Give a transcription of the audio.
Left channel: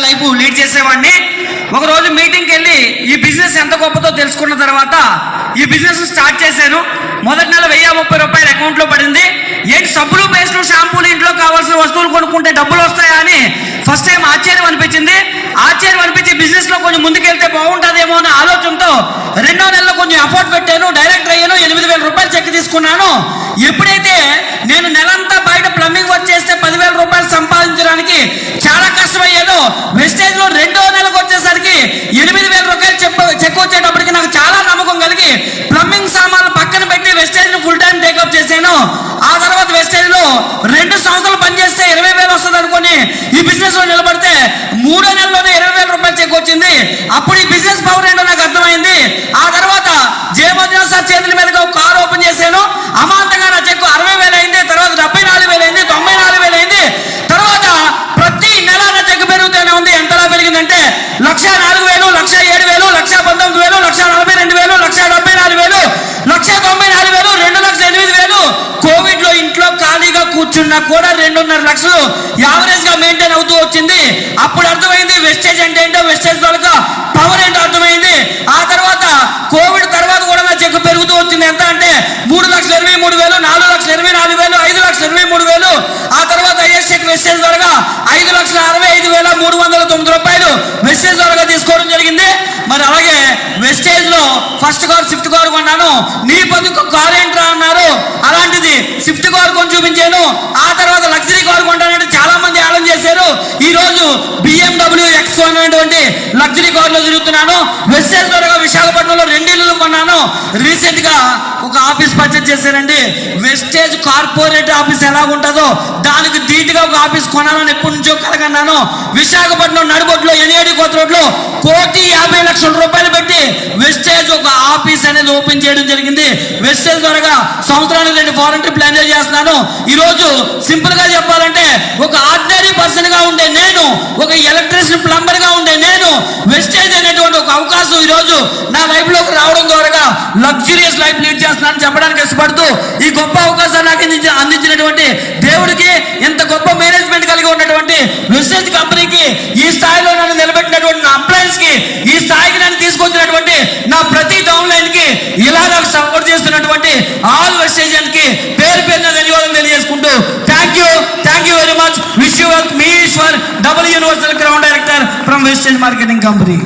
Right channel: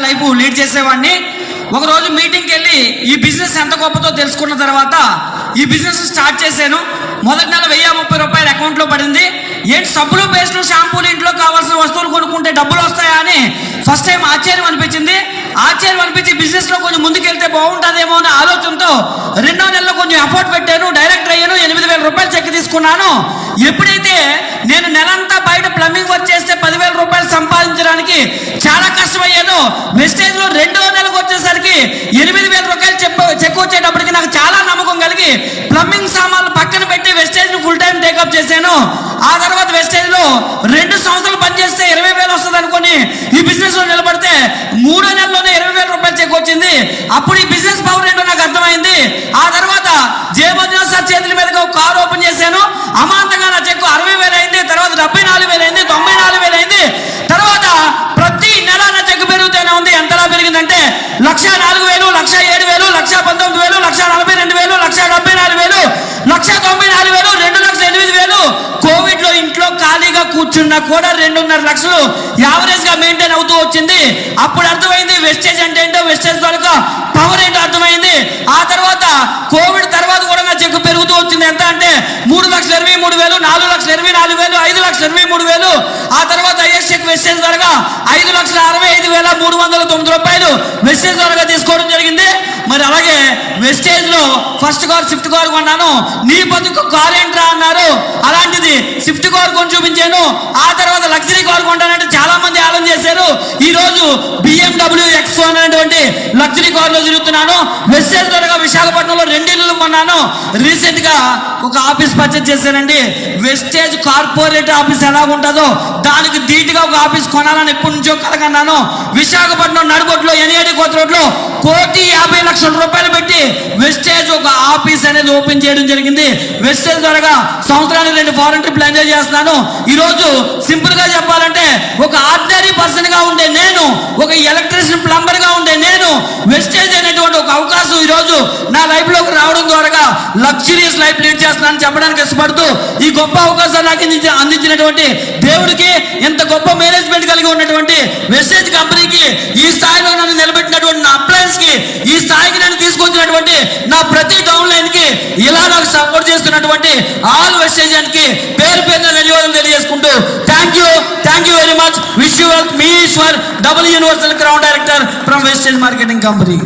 Life lead చేసేవాడిని. ఒక రోజు మీటింగ్కి వెళ్ళి ఈ బిజినెస్ ఎంత గొప్పతో తెలుసుకున్న తర్వాత ఈ బిజినెస్ స్టార్ట్ చేశాను. మొదటి నెల 1030 రూపాయలు అకౌంట్లో పడింది. ఏంటి సబ్బులు పేస్టులు షాంపూలు ఇంట్లో కావాల్సిన వస్తువులు కొనుక్కుంటే డబ్బులు వస్తాయా అని ఫస్ట్ టైం ఆశ్చర్యం అనిపించింది. బిజినెస్ లో కొంచెం ముందుకెళ్తే బాగుంటుందేమో అనే ఆలోచనతో 2వ నెలలో కొంచెం ఎఫర్ట్ పెట్టాను. డైరెక్టర్ అయ్యాను. 8000 రూపాయలు చెక్ తీసుకున్నాను. ఎప్పుడైతే నేను నెలంతా బయట ప్లంబింగ్ వర్క్ చేస్తే 10,000 రూపాయలు సంపాదించడానికి చాలా కష్టమయ్యేదో, వెస్టేజ్ లో 2వ నెలకు వచ్చేసరికి 8,000 రూపాయలు చెక్ వచ్చేటప్పటికి నాకు చాలా నమ్మకం కలిగి ప్లంబింగ్ సామాన్లు పక్కన పెట్టి వెస్టేజ్ ను ఫుల్ టైం టేకప్ చేశాను. ఆ తర్వాత వెస్టేజ్ లో 2 సంవత్సరాలు పనిచేస్తే 20,000 వస్తుంది అనుకుని ఈ బిజినెస్ లో నిలబడితే 3వ నెలలోనే 20,000 రూపాయలు చెక్ వచ్చింది. అప్పుడు ఈ బిజినెస్ పవర్ ఏంటో నాకు అర్థమైంది. ఆ తర్వాత జయమంజునాథ్ సార్ చేతుల మీదుగా ఒక కారు ఓపెన్ చేశాను. అమాంతంగా నా చెక్ 60,000 అయింది. తర్వాత 74,000 అయింది. 94,000 అయింది. తర్వాత ప్రతి నెల నా చెక్ పెరుగుతూనే ఉంది. ఎంతలా పెరిగిందంటే 1,04,000, 1,07,000, 1,19,000, 1,42,000, 1,74,000, 1,94,000, 2,08,000. కోవిడ్ లో ఇంట్లో ఖాళీగా కూర్చున్నా కూడా 2.5 లక్షలు యావరేజ్ గా మెయింటైన్ అవుతూ వచ్చింది. అప్పుడు అర్థమైంది వెస్టేజ్ అంటే ఏంటో, వెస్టేజ్ వాళ్ళకి పవర్ ఏంటో అర్థమైంది. ఆ తర్వాత కోవిడ్ తర్వాత కూడా నా చెక్ పెరుగుతూ వచ్చింది. ఎంత అంటే 3,23,000, 4,24,000, 5,23,000. ఆ తర్వాత ఐఎస్ చెక్ వెస్టేజ్ ద్వారా 5,65,309 రూపాయలు వెస్టేజ్ ద్వారా తీసుకోవడం జరిగింది. మరి అలాగే వెస్టేజ్ లో ఫస్ట్ కార్ స్విఫ్ట్ కార్ కొన్నాను. నీ బతుకు కార్ ఏంట్రా అన్నారు. అలాంటిది స్విఫ్ట్ కార్ కొని చూపించాను. ఆ తర్వాత లగ్జరీ కార్ కొంటానంటే చాలా మంది ఆలోచన చేశారు. ఈ రోజు BMW X1 అనేటువంటి లగ్జరీ కార్ లో తిరుగుతున్నాను. వెస్టేజ్ ద్వారా విశాఖపట్నంలో 2 ఇళ్ళు కొన్నాను. రీసెంట్ గా ఒక ఆఫీస్ పర్చేజ్ చేశానండి. వెస్టేజ్ కార్పొరేట్ ఆఫీస్ ఎలా ఉంటుందో దానికి ధీటుగా ఒక ఆఫీస్ కొనాలని ఎప్పటి నుంచో కలగన్నాను. విశాఖపట్నం నడుగొడ్లో NAD కొత్త రోడ్లో 1,50,00,000 రూపాయలు పెట్టి వెస్టేజ్ ఒక ఆఫీస్ అనేది ఓపెన్ చేయడం జరిగింది. వెస్టేజ్ ద్వారా సంవత్సరానికి 2 ఫారెన్ ట్రిప్లు ఎంజాయ్ చేస్తున్నాను. ఈ రోజు సింపుల్ గా చెప్పాలంటే ఒక ఆర్డినరీ పర్సన్ గా ఉండే నేను, ఒక ఎలక్ట్రీషియన్ ప్లంబర్ గా ఉండే నేను, వెస్టేజ్ అనేటువంటి ఒక అవకాశం ఈ రోజు నా లైఫ్ లోకి రావడం ద్వారా లగ్జరియస్ లైఫ్ లీడ్ చేస్తున్నానని చెప్పడానికి ఇష్టపడుతూ ఈ గొప్ప అవకాశాలు నాకు అందించినటువంటి దేవుడికి, ఎంత గొప్ప మేనేజ్మెంట్ కలిగి ఉన్నటువంటి వెస్టేజ్ కంపెనీకి, ఈ స్థాయిలో నన్ను నిలబెట్టినటువంటి నా అప్లయన్స్ కి, ఈ స్థాయికి నన్ను తీసుకొచ్చినటువంటి నా ప్రతి డౌన్ లైన్ కి, ఇలా నాకు సపోర్ట్ చేస్తున్నటువంటి ఆల్ వెస్టేజ్ కి పేరు పేరున ధన్యవాదాలు తెలియజేసుకుంటూ thank you very much. Wish you me Eshwar, double universal ground director from Vestige marketing company.